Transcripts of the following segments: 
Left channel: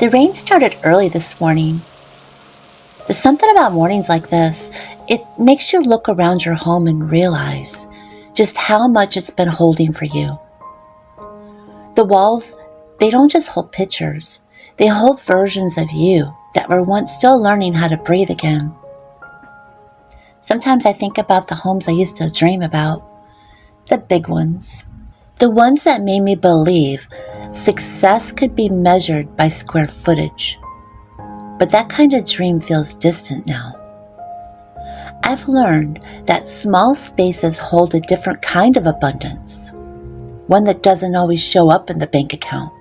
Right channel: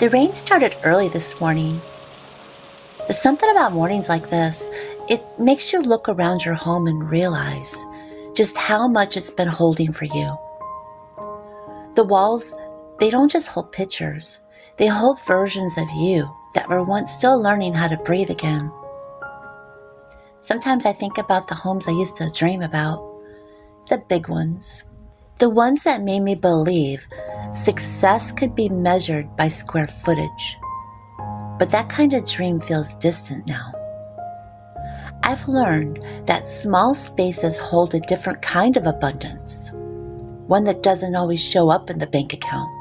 The rain started early this morning. There's something about mornings like this. It makes you look around your home and realize just how much it's been holding for you. The walls, they don't just hold pictures. They hold versions of you that were once still learning how to breathe again. Sometimes I think about the homes I used to dream about, the big ones, the ones that made me believe success could be measured by square footage. But that kind of dream feels distant now. I've learned that small spaces hold a different kind of abundance, one that doesn't always show up in the bank account,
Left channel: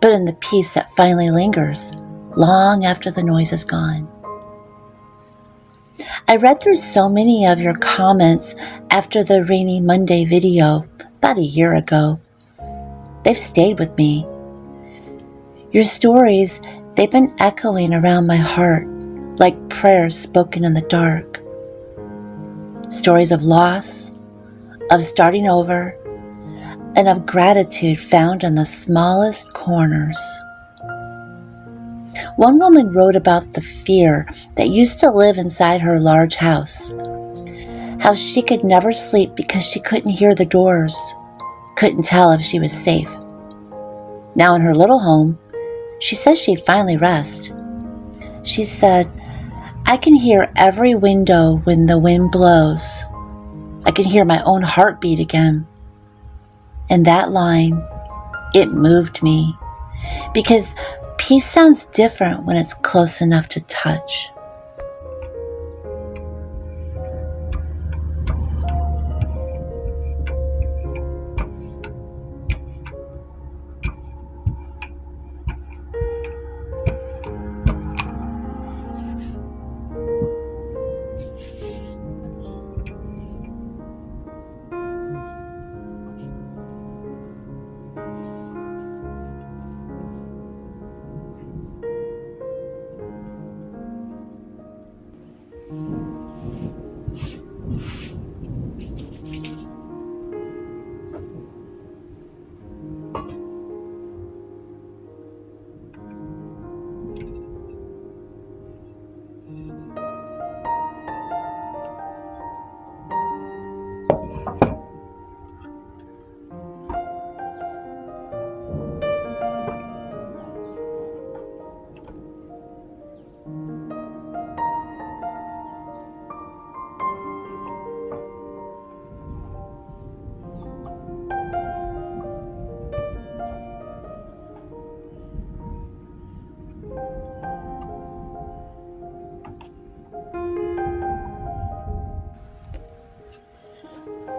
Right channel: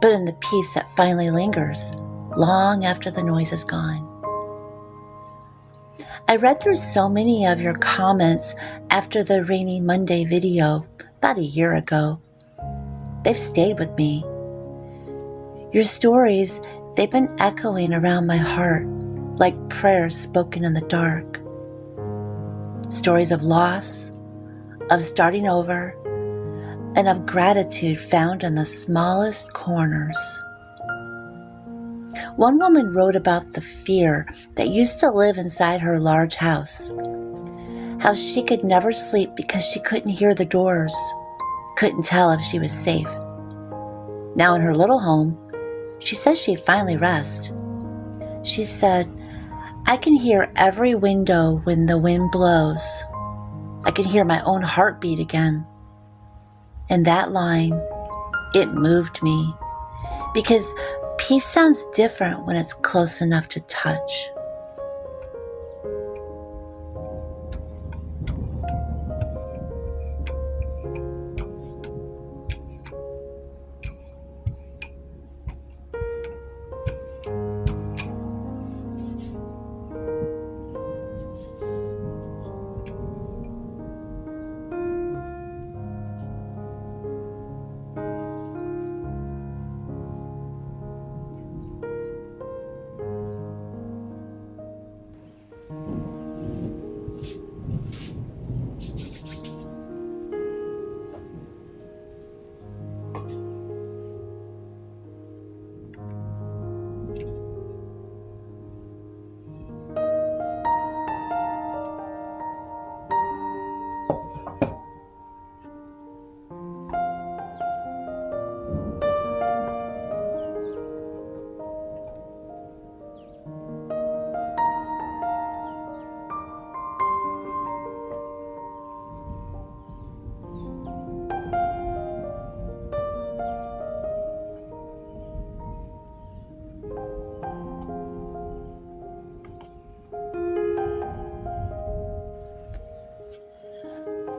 but in the peace that finally lingers long after the noise is gone. I read through so many of your comments after the Rainy Monday video about a year ago. They've stayed with me. Your stories, they've been echoing around my heart like prayers spoken in the dark. Stories of loss, of starting over, and of gratitude found in the smallest corners. One woman wrote about the fear that used to live inside her large house, how she could never sleep because she couldn't hear the doors, couldn't tell if she was safe. Now in her little home, she says she finally rests. She said, "I can hear every window when the wind blows. I can hear my own heartbeat again." And that line, it moved me, because peace sounds different when it's close enough to touch.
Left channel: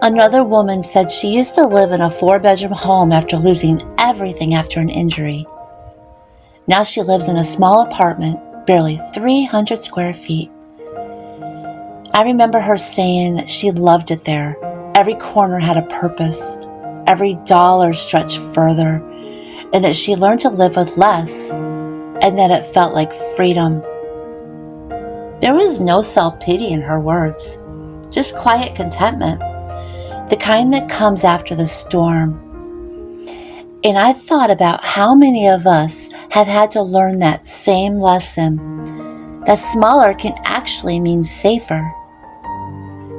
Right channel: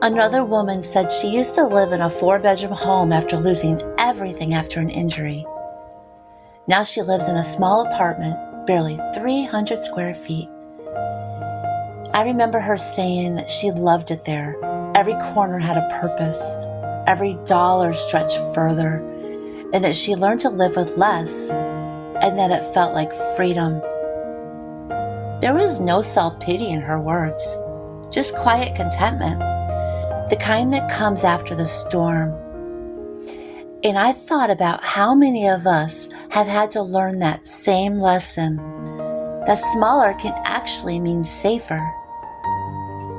Another woman said she used to live in a 4-bedroom home after losing everything after an injury. Now she lives in a small apartment, barely 300 square feet. I remember her saying that she loved it there. Every corner had a purpose. Every dollar stretched further. And that she learned to live with less, and that it felt like freedom. There was no self-pity in her words, just quiet contentment. The kind that comes after the storm. And I thought about how many of us have had to learn that same lesson, that smaller can actually mean safer,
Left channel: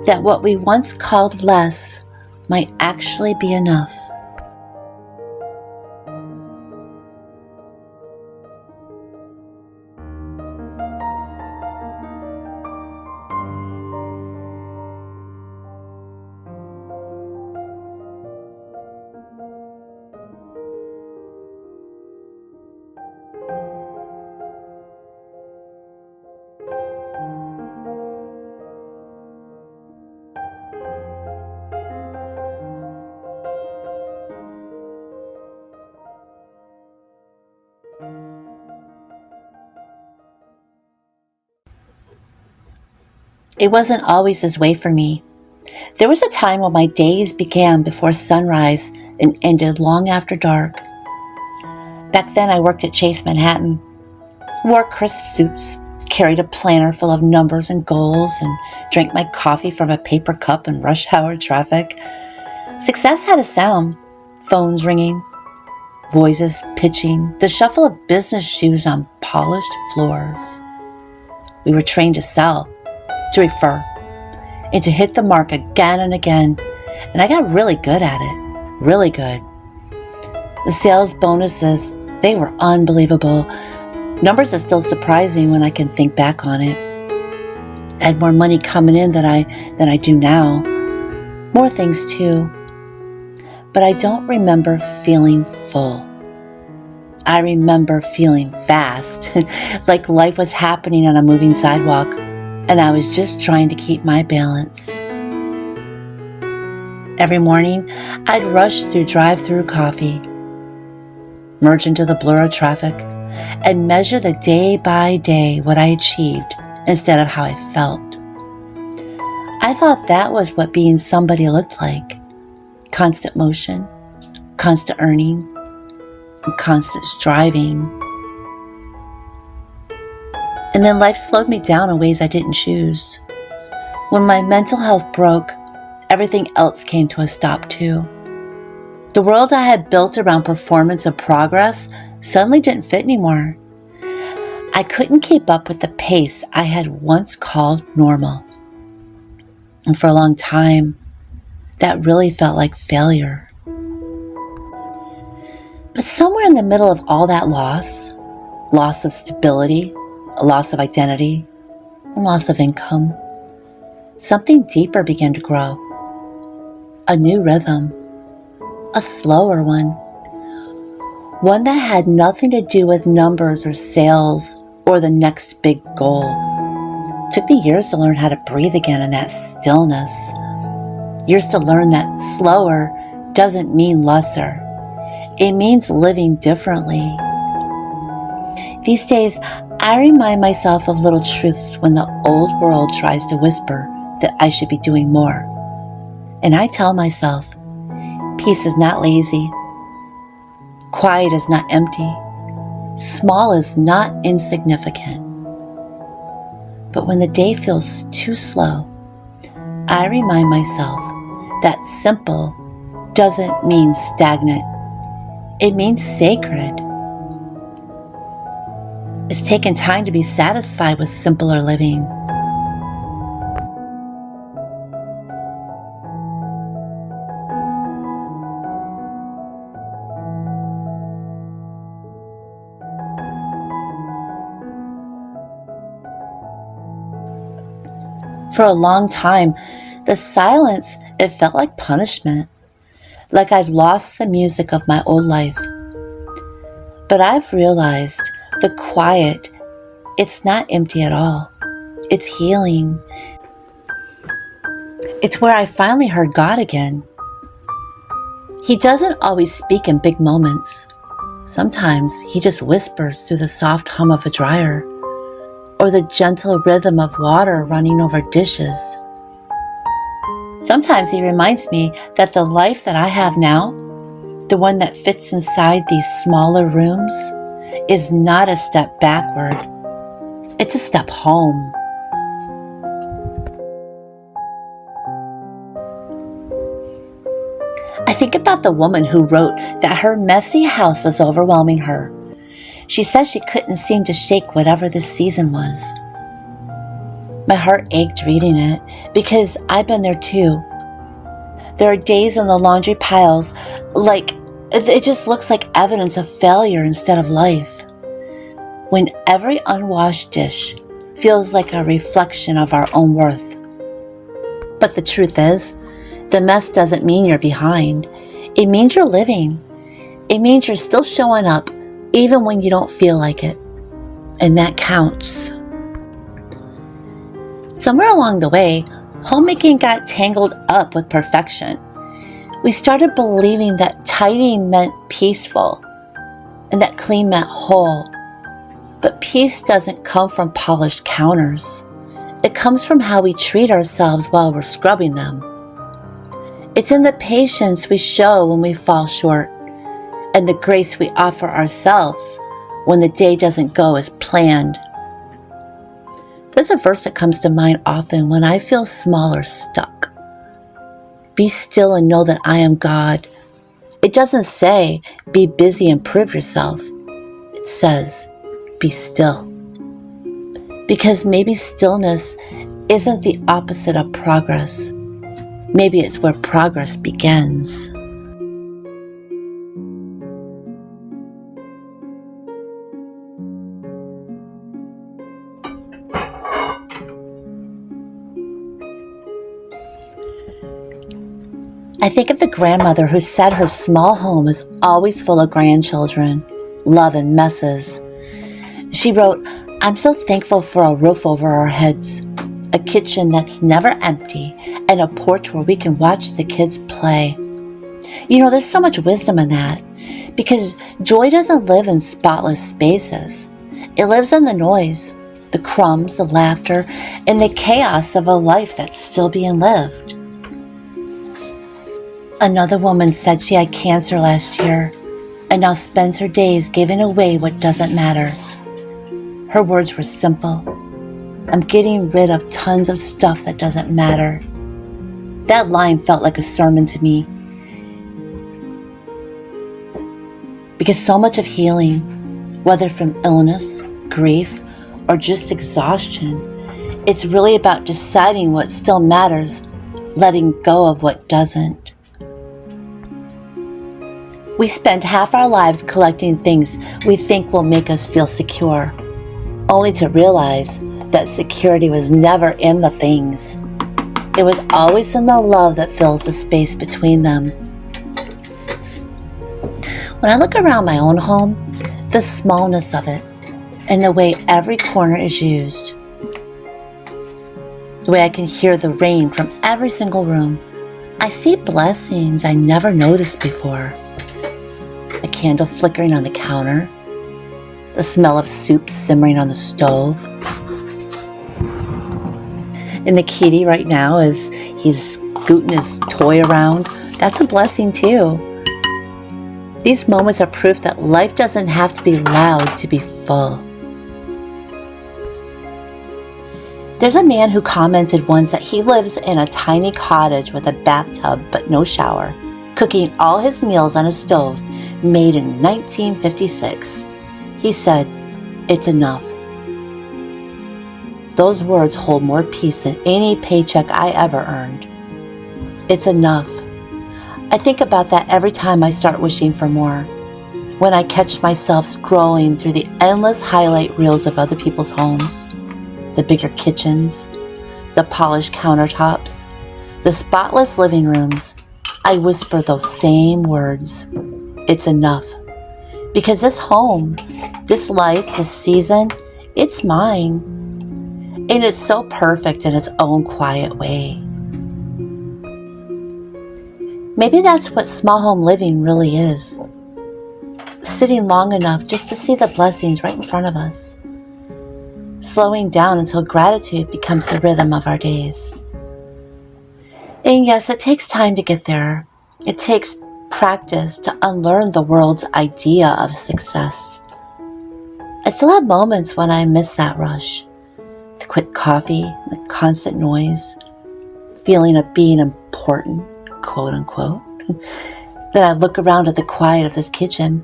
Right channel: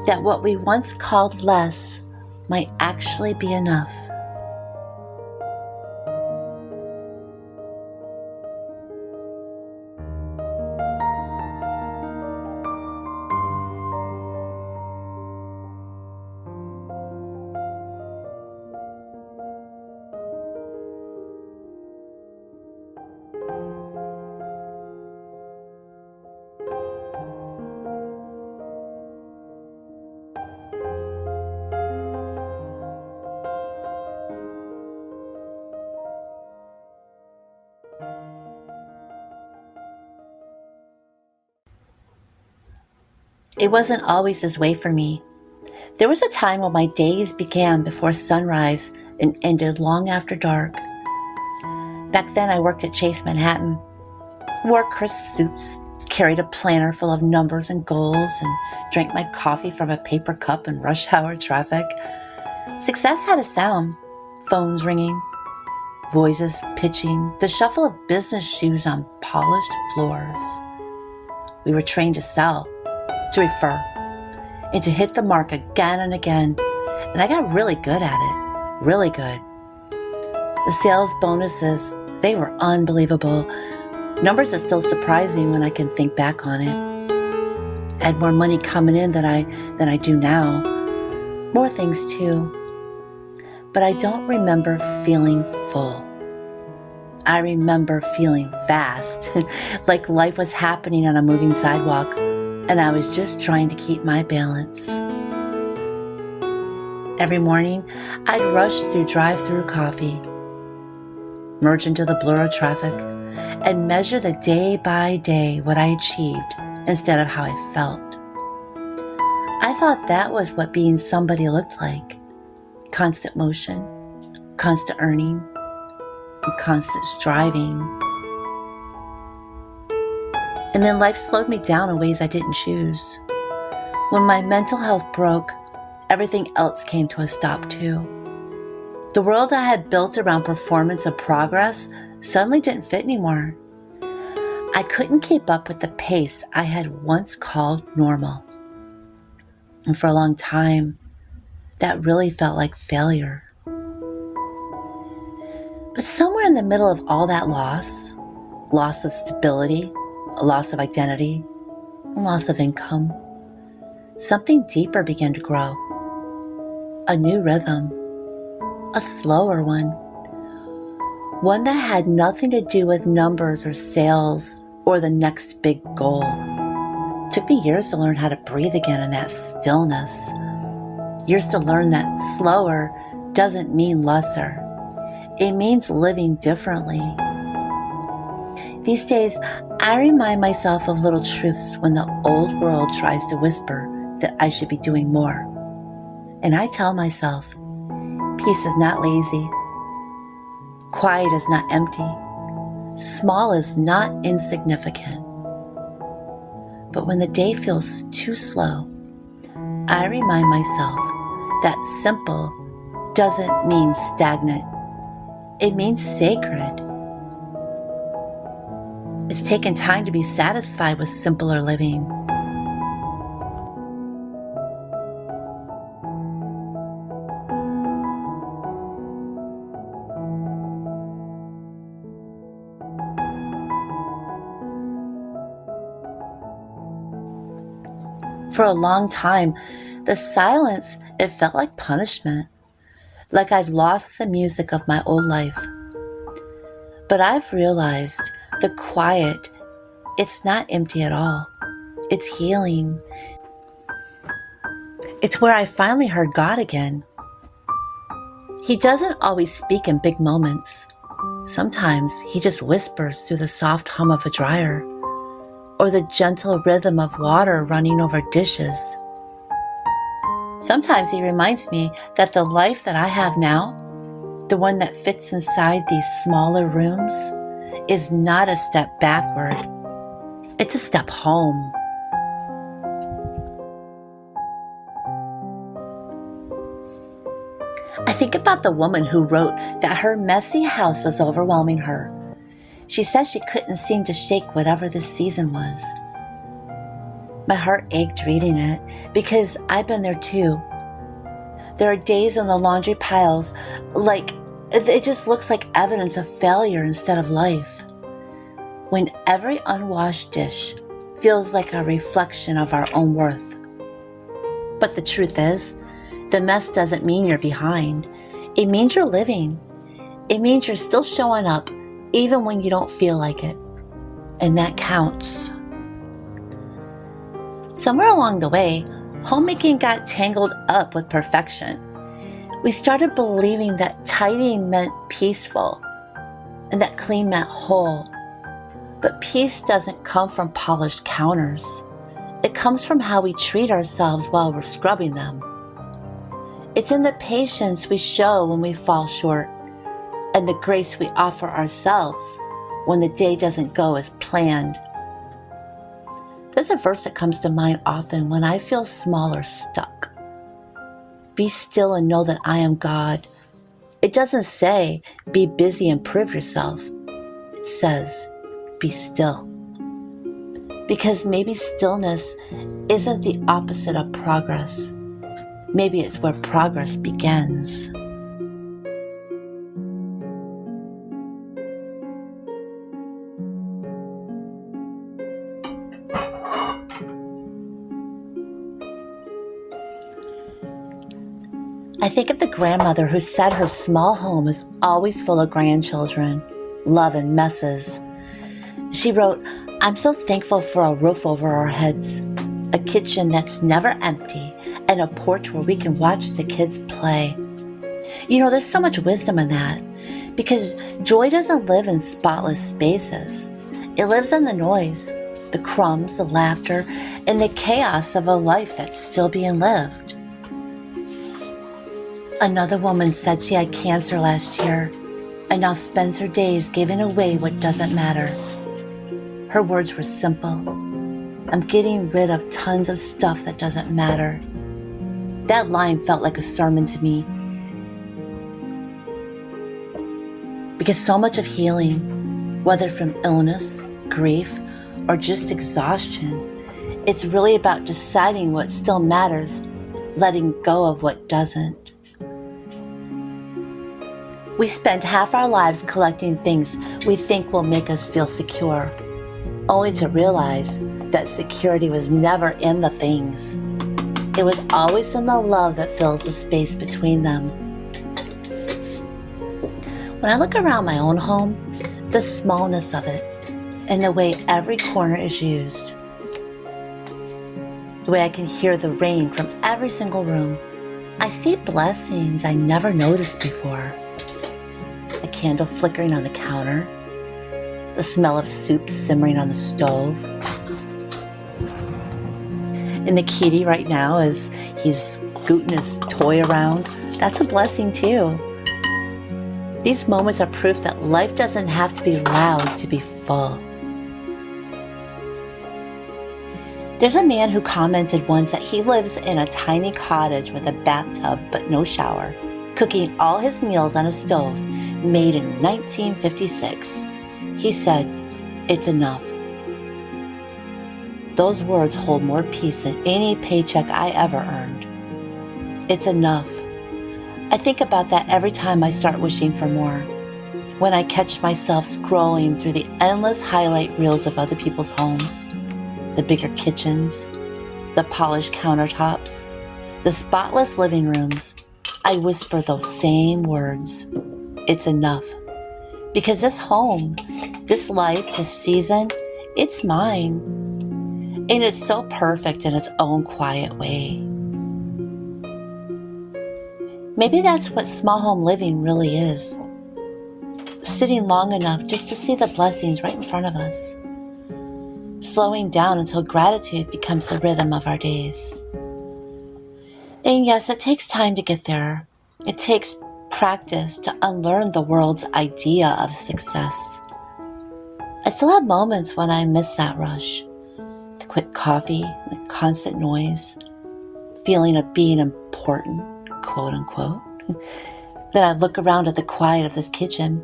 that what we once called less might actually be enough. It wasn't always this way for me. There was a time when my days began before sunrise and ended long after dark. Back then I worked at Chase Manhattan, wore crisp suits, carried a planner full of numbers and goals, and drank my coffee from a paper cup in rush hour traffic. Success had a sound, phones ringing, voices pitching, the shuffle of business shoes on polished floors. We were trained to sell, to refer, and to hit the mark again and again, and I got really good at it, really good. The sales bonuses, they were unbelievable. Numbers that still surprise me when I can think back on it. I had more money coming in than I do now. More things too. But I don't remember feeling full. I remember feeling fast, like life was happening on a moving sidewalk, and I was just trying to keep my balance. Every morning, I'd rush through drive-through coffee, merge into the blur of traffic, and measure the day by day what I achieved instead of how I felt. I thought that was what being somebody looked like. Constant motion, constant earning, and constant striving. And then life slowed me down in ways I didn't choose. When my mental health broke, everything else came to a stop too. The world I had built around performance and progress suddenly didn't fit anymore. I couldn't keep up with the pace I had once called normal. And for a long time, that really felt like failure. But somewhere in the middle of all that loss of stability, a loss of identity, and loss of income, something deeper began to grow. A new rhythm, a slower one that had nothing to do with numbers or sales or the next big goal. It took me years to learn how to breathe again in that stillness. Years to learn that slower doesn't mean lesser. It means living differently. These days, I remind myself of little truths when the old world tries to whisper that I should be doing more. And I tell myself, peace is not lazy. Quiet is not empty. Small is not insignificant. But when the day feels too slow, I remind myself that simple doesn't mean stagnant. It means sacred. It's taken time to be satisfied with simpler living. For a long time, the silence, it felt like punishment, like I'd lost the music of my old life. But I've realized the quiet, it's not empty at all. It's healing. It's where I finally heard God again. He doesn't always speak in big moments. Sometimes he just whispers through the soft hum of a dryer, or the gentle rhythm of water running over dishes. Sometimes he reminds me that the life that I have now, the one that fits inside these smaller rooms, is not a step backward. It's a step home. I think about the woman who wrote that her messy house was overwhelming her. She says she couldn't seem to shake whatever this season was. My heart ached reading it because I've been there too. There are days in the laundry piles like it just looks like evidence of failure instead of life. When every unwashed dish feels like a reflection of our own worth. But the truth is, the mess doesn't mean you're behind. It means you're living. It means you're still showing up even when you don't feel like it. And that counts. Somewhere along the way, homemaking got tangled up with perfection. We started believing that tidy meant peaceful and that clean meant whole. But peace doesn't come from polished counters. It comes from how we treat ourselves while we're scrubbing them. It's in the patience we show when we fall short, and the grace we offer ourselves when the day doesn't go as planned. There's a verse that comes to mind often when I feel small or stuck. Be still and know that I am God. It doesn't say, be busy and prove yourself. It says, be still. Because maybe stillness isn't the opposite of progress. Maybe it's where progress begins. I think of the grandmother who said her small home is always full of grandchildren, love and messes. She wrote, I'm so thankful for a roof over our heads, a kitchen that's never empty, and a porch where we can watch the kids play. There's so much wisdom in that, because joy doesn't live in spotless spaces. It lives in the noise, the crumbs, the laughter, and the chaos of a life that's still being lived. Another woman said she had cancer last year and now spends her days giving away what doesn't matter. Her words were simple. I'm getting rid of tons of stuff that doesn't matter. That line felt like a sermon to me. Because so much of healing, whether from illness, grief, or just exhaustion, it's really about deciding what still matters, letting go of what doesn't. We spend half our lives collecting things we think will make us feel secure, only to realize that security was never in the things. It was always in the love that fills the space between them. When I look around my own home, the smallness of it, and the way every corner is used, the way I can hear the rain from every single room, I see blessings I never noticed before. A candle flickering on the counter, the smell of soup simmering on the stove. And the kitty right now, as he's scooting his toy around, that's a blessing too. These moments are proof that life doesn't have to be loud to be full. There's a man who commented once that he lives in a tiny cottage with a bathtub but no shower, cooking all his meals on a stove made in 1956. He said, "It's enough." Those words hold more peace than any paycheck I ever earned. It's enough. I think about that every time I start wishing for more. When I catch myself scrolling through the endless highlight reels of other people's homes, the bigger kitchens, the polished countertops, the spotless living rooms, I whisper those same words. It's enough. Because this home, this life, this season, it's mine. And it's so perfect in its own quiet way. Maybe that's what small home living really is. Sitting long enough just to see the blessings right in front of us. Slowing down until gratitude becomes the rhythm of our days. And yes, it takes time to get there. It takes practice to unlearn the world's idea of success. I still have moments when I miss that rush. The quick coffee, the constant noise, feeling of being important, quote unquote. Then I look around at the quiet of this kitchen,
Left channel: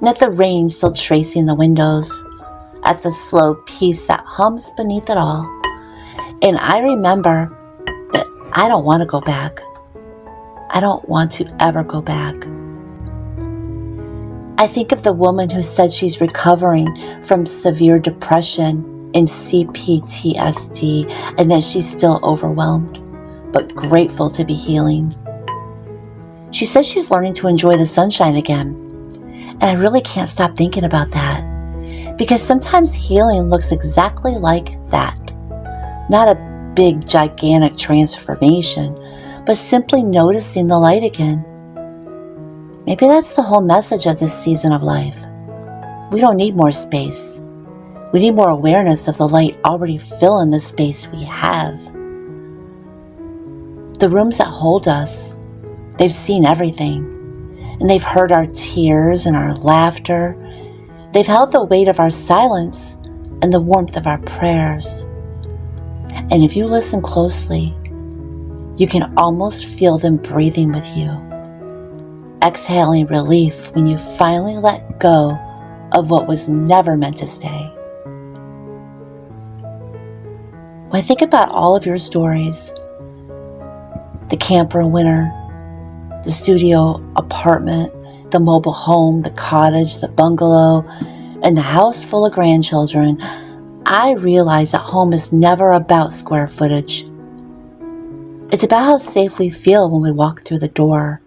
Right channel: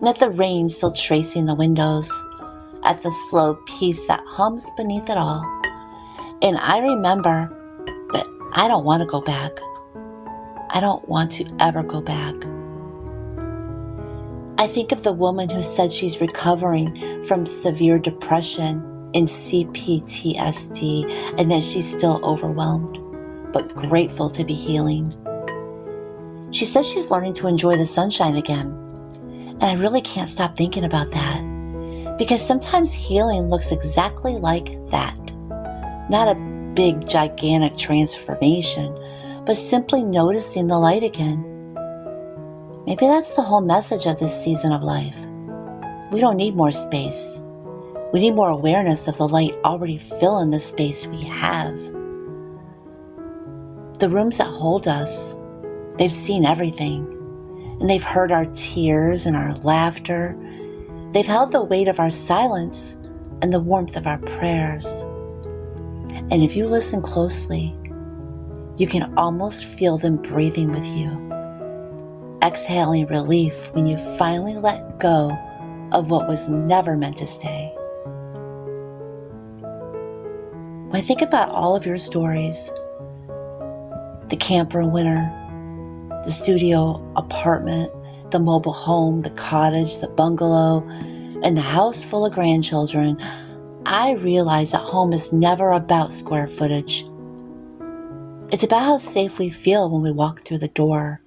and at the rain still tracing the windows, at the slow peace that hums beneath it all. And I remember that I don't want to go back. I don't want to ever go back. I think of the woman who said she's recovering from severe depression and CPTSD, and that she's still overwhelmed, but grateful to be healing. She says she's learning to enjoy the sunshine again, and I really can't stop thinking about that, because sometimes healing looks exactly like that. Not a big, gigantic transformation, but simply noticing the light again. Maybe that's the whole message of this season of life. We don't need more space. We need more awareness of the light already filling the space we have. The rooms that hold us, they've seen everything, and they've heard our tears and our laughter. They've held the weight of our silence and the warmth of our prayers. And if you listen closely, you can almost feel them breathing with you. exhaling relief when you finally let go of what was never meant to stay. When I think about all of your stories, the camper in winter, the studio apartment, the mobile home, the cottage, the bungalow, and the house full of grandchildren, I realize that home is never about square footage. It's about how safe we feel when we walk through the door.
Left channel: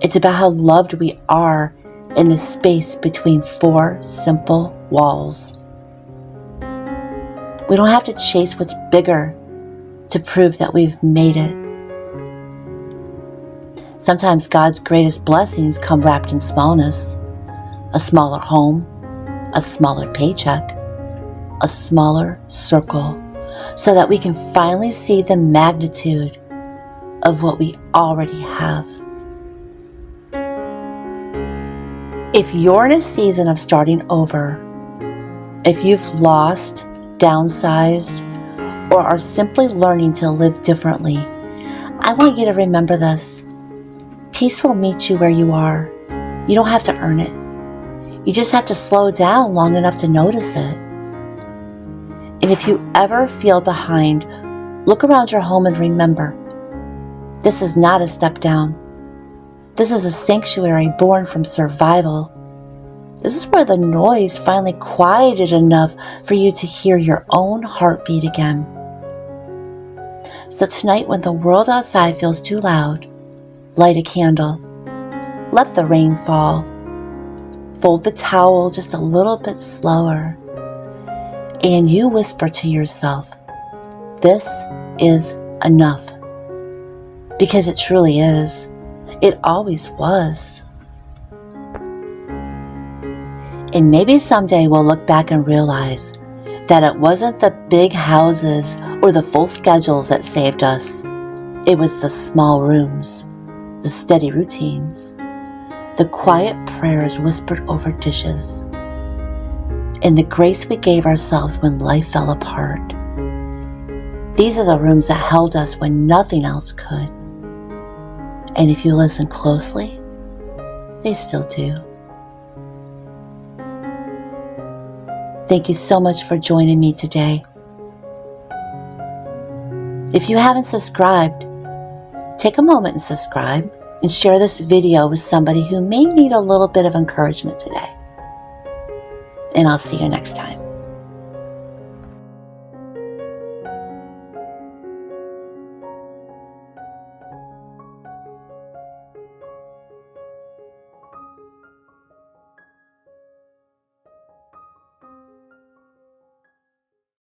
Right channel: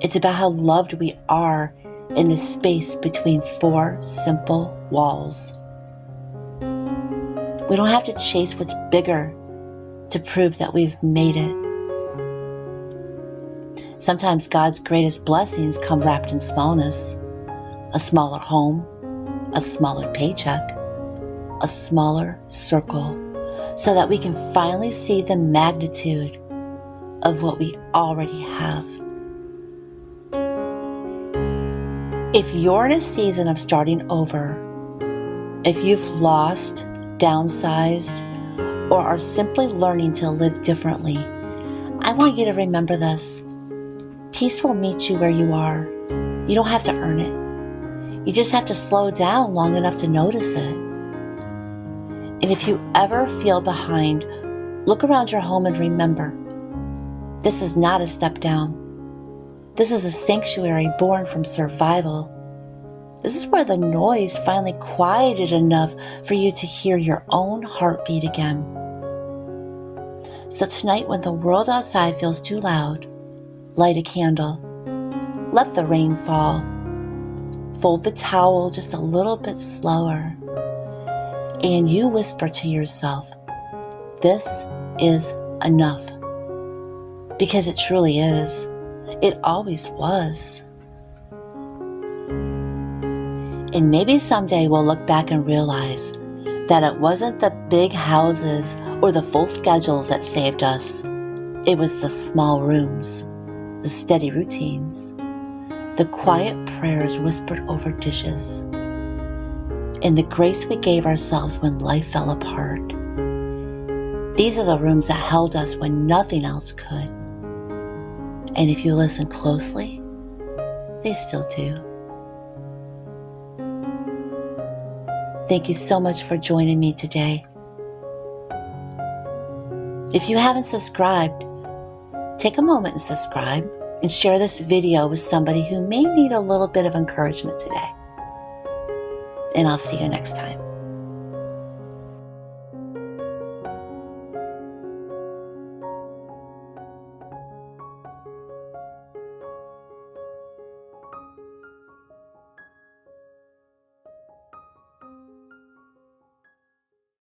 It's about how loved we are in the space between four simple walls. We don't have to chase what's bigger to prove that we've made it. Sometimes God's greatest blessings come wrapped in smallness. A smaller home, a smaller paycheck, a smaller circle, so that we can finally see the magnitude of what we already have. If you're in a season of starting over, if you've lost, downsized, or are simply learning to live differently, I want you to remember this. Peace will meet you where you are. You don't have to earn it. You just have to slow down long enough to notice it. And if you ever feel behind, look around your home and remember, this is not a step down. This is a sanctuary born from survival. This is where the noise finally quieted enough for you to hear your own heartbeat again. So tonight, when the world outside feels too loud, light a candle. Let the rain fall. Fold the towel just a little bit slower. And you whisper to yourself, this is enough. Because it truly is. It always was. And maybe someday we'll look back and realize that it wasn't the big houses or the full schedules that saved us. It was the small rooms, the steady routines, the quiet prayers whispered over dishes, and the grace we gave ourselves when life fell apart. These are the rooms that held us when nothing else could. And if you listen closely, they still do. Thank you so much for joining me today. If you haven't subscribed, take a moment and subscribe and share this video with somebody who may need a little bit of encouragement today. And I'll see you next time.